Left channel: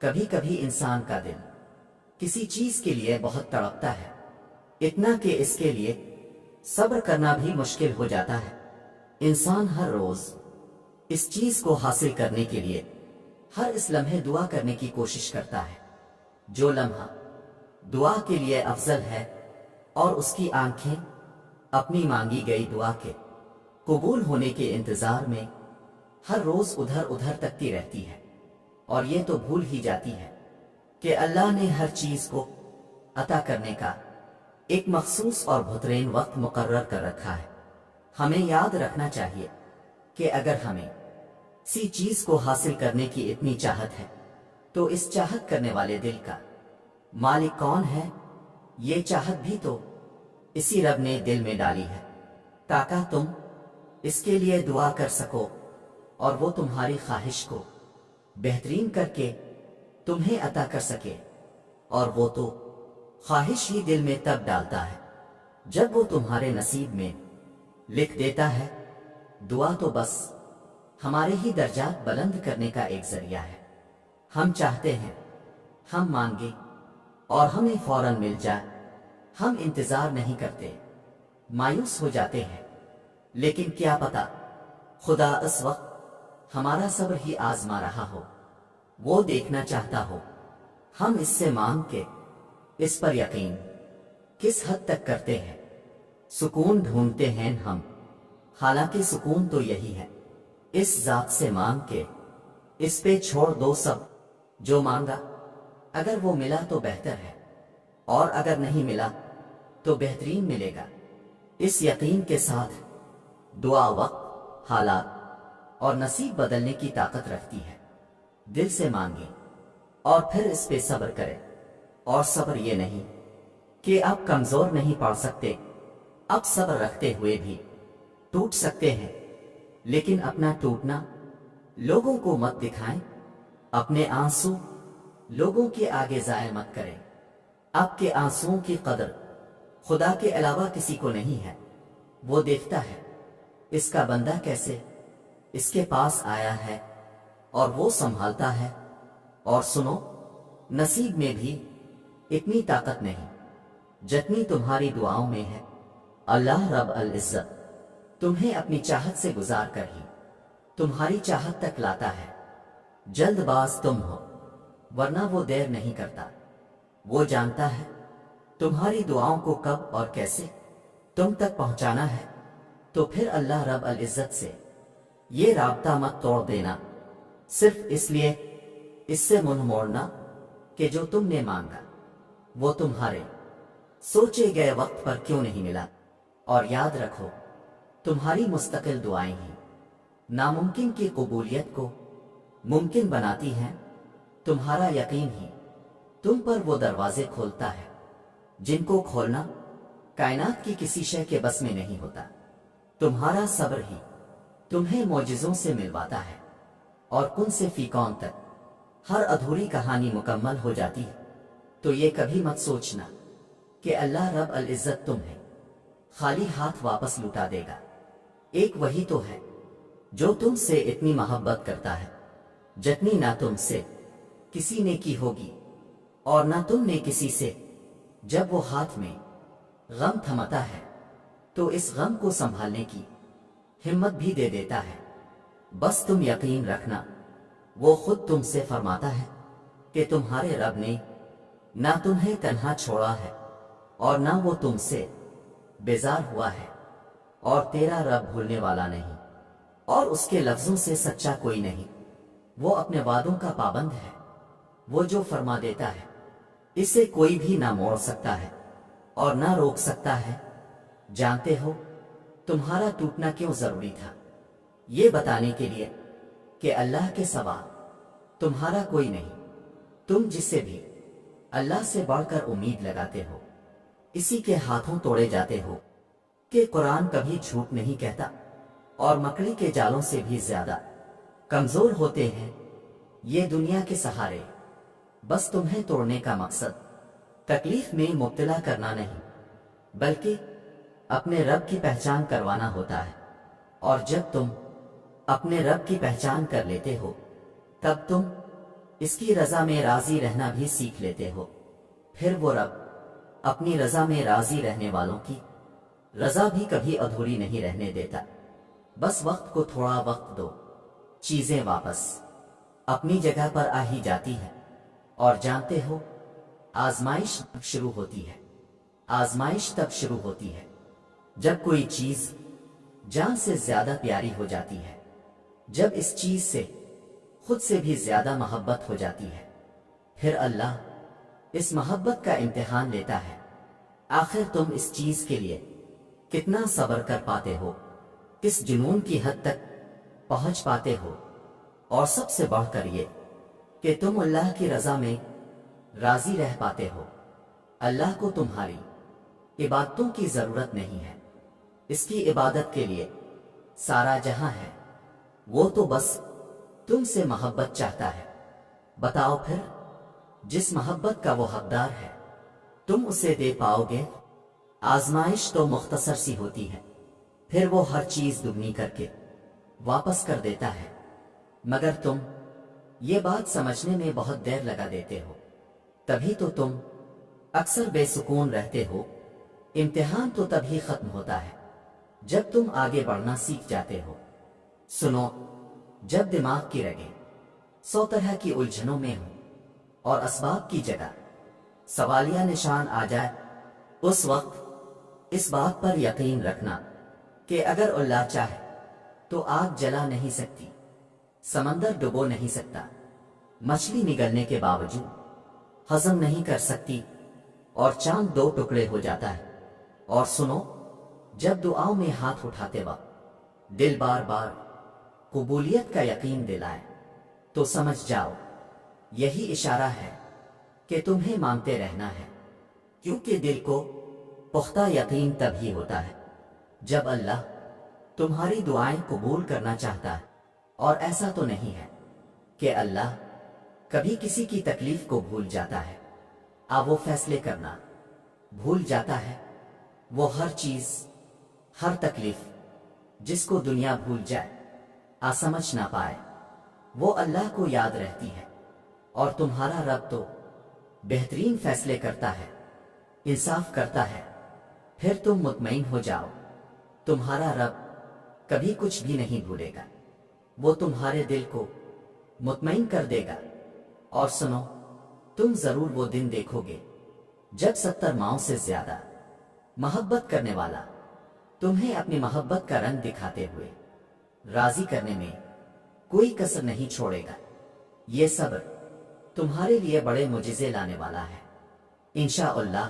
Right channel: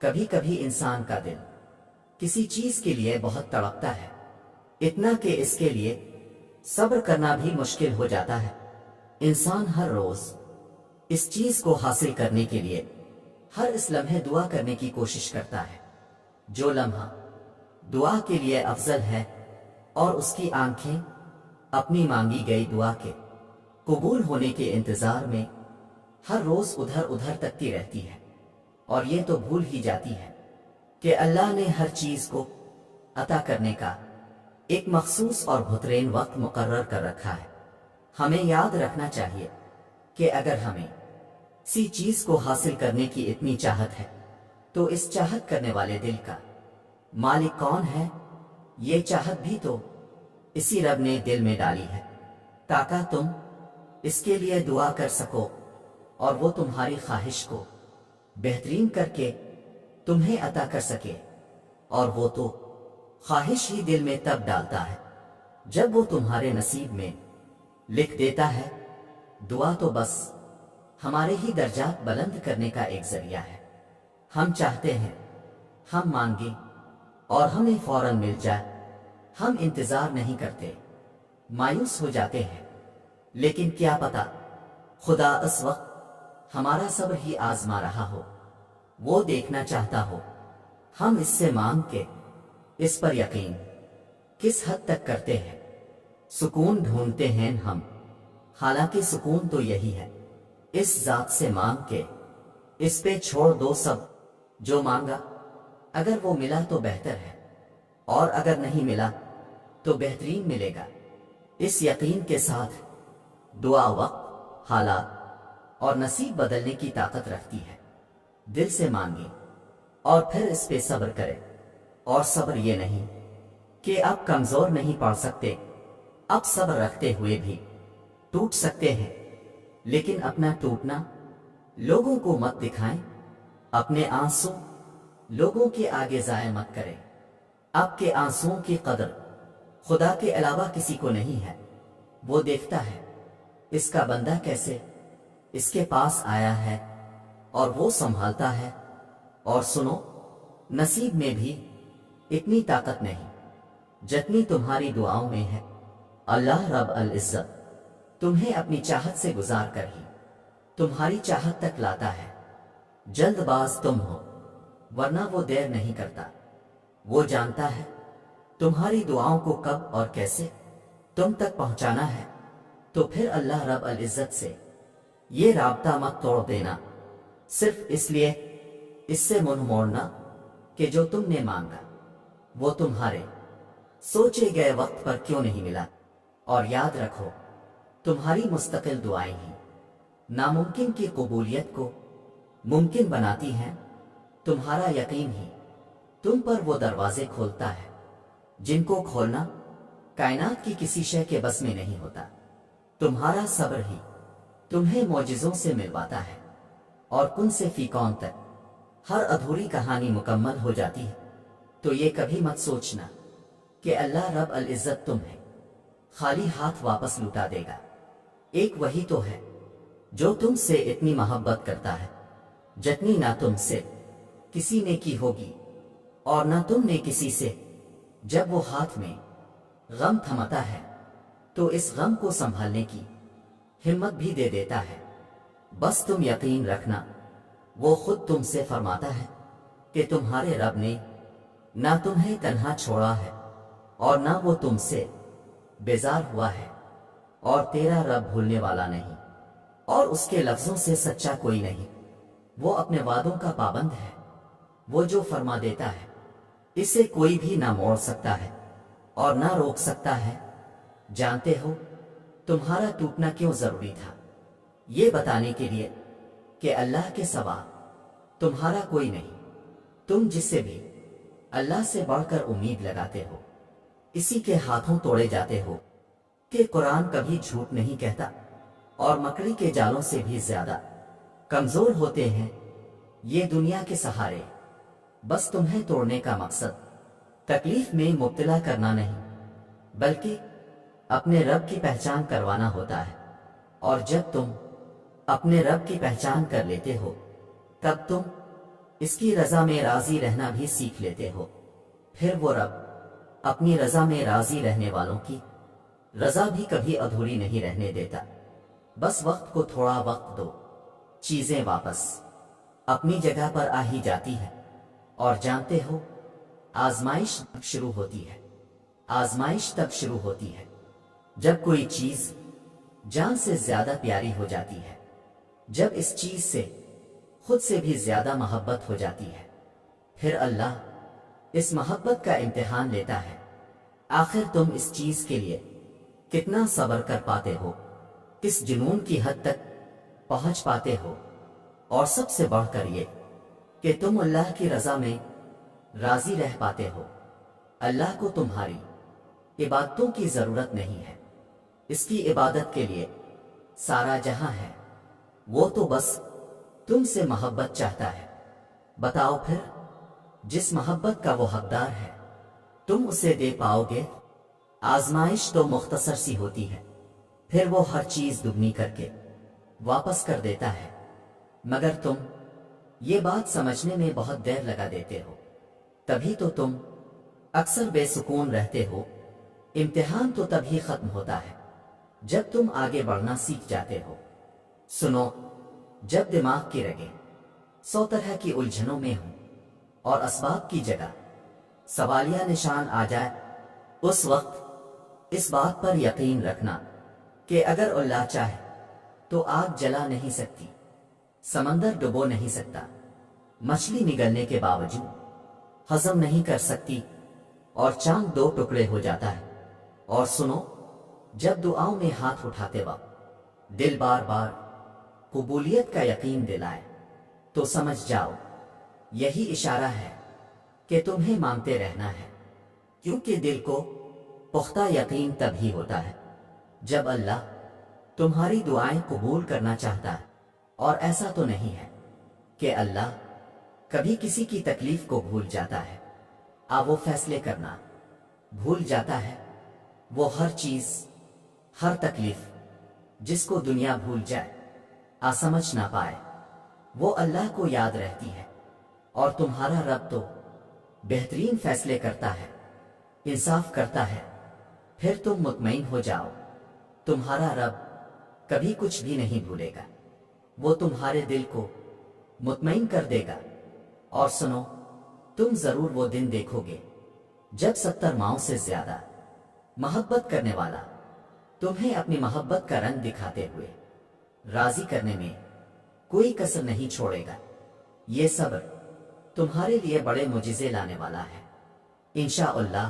کبھی کبھی انسان کا دل کسی چیز کے لیے بہت تڑپتا ہے، اتنا کہ اس کے لیے صبر کرنا بھی مشکل ہو جاتا ہے۔ انسان ہر روز اس چیز کو حاصل کرنے کے لیے ہر اس لمحے دعا کرنے کی کوشش کرتا ہے۔ جو لمحہ دعا کے لیے افضل ہے اور اس کی آنکھیں اپنی مانگی گئی دعا کے قبول ہونے کے انتظار میں ہر روز ادھر ادھر تکتی رہتی ہے، اور یہ تو بھول ہی جاتی ہے کہ اللہ نے ہر چیز کو عطا کرنے کا ایک مخصوص اور بہترین وقت مقرر کر رکھا ہے۔ ہمیں یاد رکھنا چاہیے کہ اگر ہمیں کسی چیز کو حاصل کرنے کی اتنی چاہت ہے تو اس چاہت کرنے والے دل کا مالک کون ہے؟ یہ چاہت بھی تو اسی رب نے دل میں ڈالی ہے تاکہ تم اس کے لیے دعا کر سکو، اور وہ تمہاری خواہش کو بہترین کر کے تمہیں عطا کر سکے۔ اور وہ تو خواہش ہی دل میں تب ڈالتا ہے جب وہ تمہارے نصیب میں لکھ دیتا ہے۔ دعا تو بس ہمارے ہی درجات بلند کرنے کا ایک ذریعہ ہے۔ ہم چاہتے ہیں ہم مانگیں اور ہمیں فوراً مل جائے، ہم انتظار نہیں کرتے، مایوس ہو جاتے ہیں، لیکن کیا پتا خدا اس وقت ہمارا صبر ہی آزما رہا ہو، وہ دیکھنا چاہتا ہو ہم اس سے مانگ کے اس پر یقین کس حد تک کرتے ہیں۔ سکون ڈھونڈتے ہیں ہم، حالانکہ سکون تو یہی ہے اس ذات سے مانگ کے اس پہ چھوڑ دو سب جو مانگا، اگر وہ ملا تو بہتر ہے، اور اگر نہیں ملا تو بہترین ملے گا۔ اس یقین کے ساتھ دعا وقت، حالات اور نصیب بدلنے کی طاقت رکھتی ہے۔ دل سے مانگیں اور پھر اس پہ صبر کریں، اور صبر یہ نہیں کہ آپ کمزور نہیں پڑ سکتے، آپ صبر رکھتے ہوئے بھی ٹوٹ سکتے ہیں، لیکن اپنا ٹوٹنا لوگوں کو مت دکھائیں، اپنے آنسو لوگوں کے آگے ضائع مت کریں۔ آپ کے آنسوؤں کی قدر خدا کے علاوہ کسی کو نہیں ہے، وہ دیکھتا ہے اس کا بندہ کیسے اس کے پاس آیا ہے، اور وہ سنبھالتا ہے۔ اور سنو، نصیب میں بھی اتنی طاقت نہیں جتنی تمہاری دعاؤں میں ہے۔ اللہ رب العزت تمہیں اپنی چاہت سے گزار کر ہی تمہاری چاہت تک لاتا ہے۔ جلد باز تم ہو، ورنہ وہ دیر نہیں کرتا، وہ جانتا ہے تمہاری دعاؤں کو کب اور کیسے تم تک پہنچانا ہے۔ تو پھر اللہ رب العزت سے یہ رابطہ مت توڑ دینا صرف اس لیے اس سے منہ موڑنا کہ جو تم نے مانگا وہ تمہارے سوچے گئے وقت پر کیوں نہیں ملا۔ اور یاد رکھو، تمہاری مستقل دعائیں ہی ناممکن کی قبولیت کو ممکن بناتی ہیں۔ تمہارا یقین ہی تم پر وہ دروازے کھولتا ہے جن کو کھولنا کائنات کی کسی شے کے بس میں نہیں ہوتا۔ تمہارا صبر ہی تمہیں معجزوں سے ملواتا ہے، اور کن سے فی کون تک ہر ادھوری کہانی مکمل ہو جاتی ہے۔ تو یہ کبھی مت سوچنا کہ اللہ رب العزت تمہیں خالی ہاتھ واپس لوٹا دے گا۔ ایک وہی تو ہے جو تم سے اتنی محبت کرتا ہے جتنی نہ تم سے کسی نے کی ہوگی، اور نہ تم نے کسی سے۔ جب وہ ہاتھ میں غم تھماتا ہے تو اس غم کو سنبھالنے کی ہمت بھی دے دیتا ہے۔ بس تم یقین رکھنا، وہ خود تم سے فرماتا ہے کہ تمہارے رب نے نہ تمہیں تنہا چھوڑا ہے، اور نہ وہ تم سے بیزار ہوا ہے، اور تیرا رب بھولنے والا نہیں، اور اس کے لفظوں سے سچا کوئی نہیں۔ وہ اپنے وعدوں کا پابند ہے، وہ جو فرما دیتا ہے اسے کوئی بھی نہ موڑ سکتا ہے اور نہ روک سکتا ہے۔ جانتے ہو تمہارا ٹوٹنا کیوں ضروری تھا؟ یہ بتانے کے لیے کہ اللہ کے سوا تمہارا کوئی نہیں، تم جس سے بھی اللہ سے بڑھ کر امید لگاتے ہو اسی کے ہاتھوں توڑے جاتے ہو۔ کہ قرآن کبھی جھوٹ نہیں کہتا، اور مکڑی کے جالوں سے بھی زیادہ کمزور ہوتے ہیں یہ دنیا کے سہارے۔ بس تمہیں توڑنے کا مقصد تکلیف میں مبتلا کرنا نہیں، بلکہ اپنے رب کی پہچان کروانا ہوتا ہے۔ اور جب تم اپنے رب کی پہچان کر لیتے ہو تب تم اس کی رضا میں راضی رہنا بھی سیکھ لیتے ہو، پھر وہ رب اپنی رضا میں راضی رہنے والوں کی رضا بھی کبھی ادھوری نہیں رہنے دیتا۔ بس وقت کو تھوڑا وقت دو، چیزیں واپس اپنی جگہ پر آ ہی جاتی ہے۔ اور جانتے ہو، آزمائش تب شروع ہوتی ہے، آزمائش تب شروع ہوتی ہے جب کوئی چیز جان سے زیادہ پیاری ہو جاتی ہے، جب اس چیز سے خود سے بھی زیادہ محبت ہو جاتی ہے۔ پھر اللہ اس محبت کا امتحان لیتا ہے، آخر تم اس چیز کے لیے کتنا صبر کر پاتے ہو، کس جنون کی حد تک پہنچ پاتے ہو، اور سب سے بڑھ کر یہ کہ تم اللہ کی رضا میں راضی رہ پاتے ہو۔ اللہ کو تمہاری عبادتوں کی ضرورت نہیں ہے، اس کی عبادت کے لیے سارا جہاں ہے، وہ تو بس تم سے محبت چاہتا ہے۔ بتاؤ پھر، جس محبت کا وہ حقدار ہے تم اسے دے پاؤ گے؟ آزمائش تو مختصر سی ہوتی ہے، پھر وہ ہر چیز دگنی کر کے واپس کر دیتا ہے، مگر تم یہ بات سمجھنے میں بہت دیر لگا دیتے ہو، تبھی تو تم اکثر بے سکون رہتے ہو۔ امتحان تو تبھی ختم ہوتا ہے جب تم آگے بڑھنا سیکھ جاتے ہو۔ سنو، جب دماغ کی رگیں 100 طرح کی الجھنوں میں ہوں اور اسباب کی جگہ سوالیہ نشان آ جائے، اس وقت اس بات پر یقین رکھنا کہ اگر اللہ چاہے تو آگ جلا نہیں سکتی، سمندر ڈبو نہیں سکتا، مچھلی نگلنے کے باوجود ہضم نہیں کر سکتی، اور چاند 2 ٹکڑے ہو جاتا ہے۔ اور سنو، جب دعاؤں میں ہاتھ اٹھاتے وقت دل بار بار قبولیت کا یقین دلائے تو سمجھ جاؤ یہی اشارہ ہے کہ تمہیں مانگتے رہنا ہے، کیونکہ دل کو پختہ یقین تب ہی ہوتا ہے جب اللہ تمہاری دعائیں قبول کرنا چاہتا ہے۔ اور ایسا تو نہیں ہے کہ اللہ کبھی کسی کی تکلیف کو بھول جاتا ہے، وہ فیصلے کرنا بھول جاتا ہے۔ وہ ہر چیز، ہر تکلیف جس کو دنیا بھول جائے، سمجھ نہ پائے، وہ اللہ کو یاد رہتی ہے۔ اور تمہارا رب تو بہترین فیصلے کرتا ہے، انصاف کرتا ہے۔ پھر تم مطمئن ہو جاؤ، تمہارا رب کبھی کچھ بھی نہیں بھولے گا، وہ تمہارے دل کو مطمئن کر دے گا۔ اور سنو، تم ضرور وہ دن دیکھو گے جب 70 ماؤں سے زیادہ محبت کرنے والا تمہیں اپنی محبت کا رنگ دکھاتے ہوئے راضی کرنے میں کوئی کسر نہیں چھوڑے گا۔ یہ صبر تمہارے لیے بڑے معجزے لانے والا ہے، انشاءاللہ۔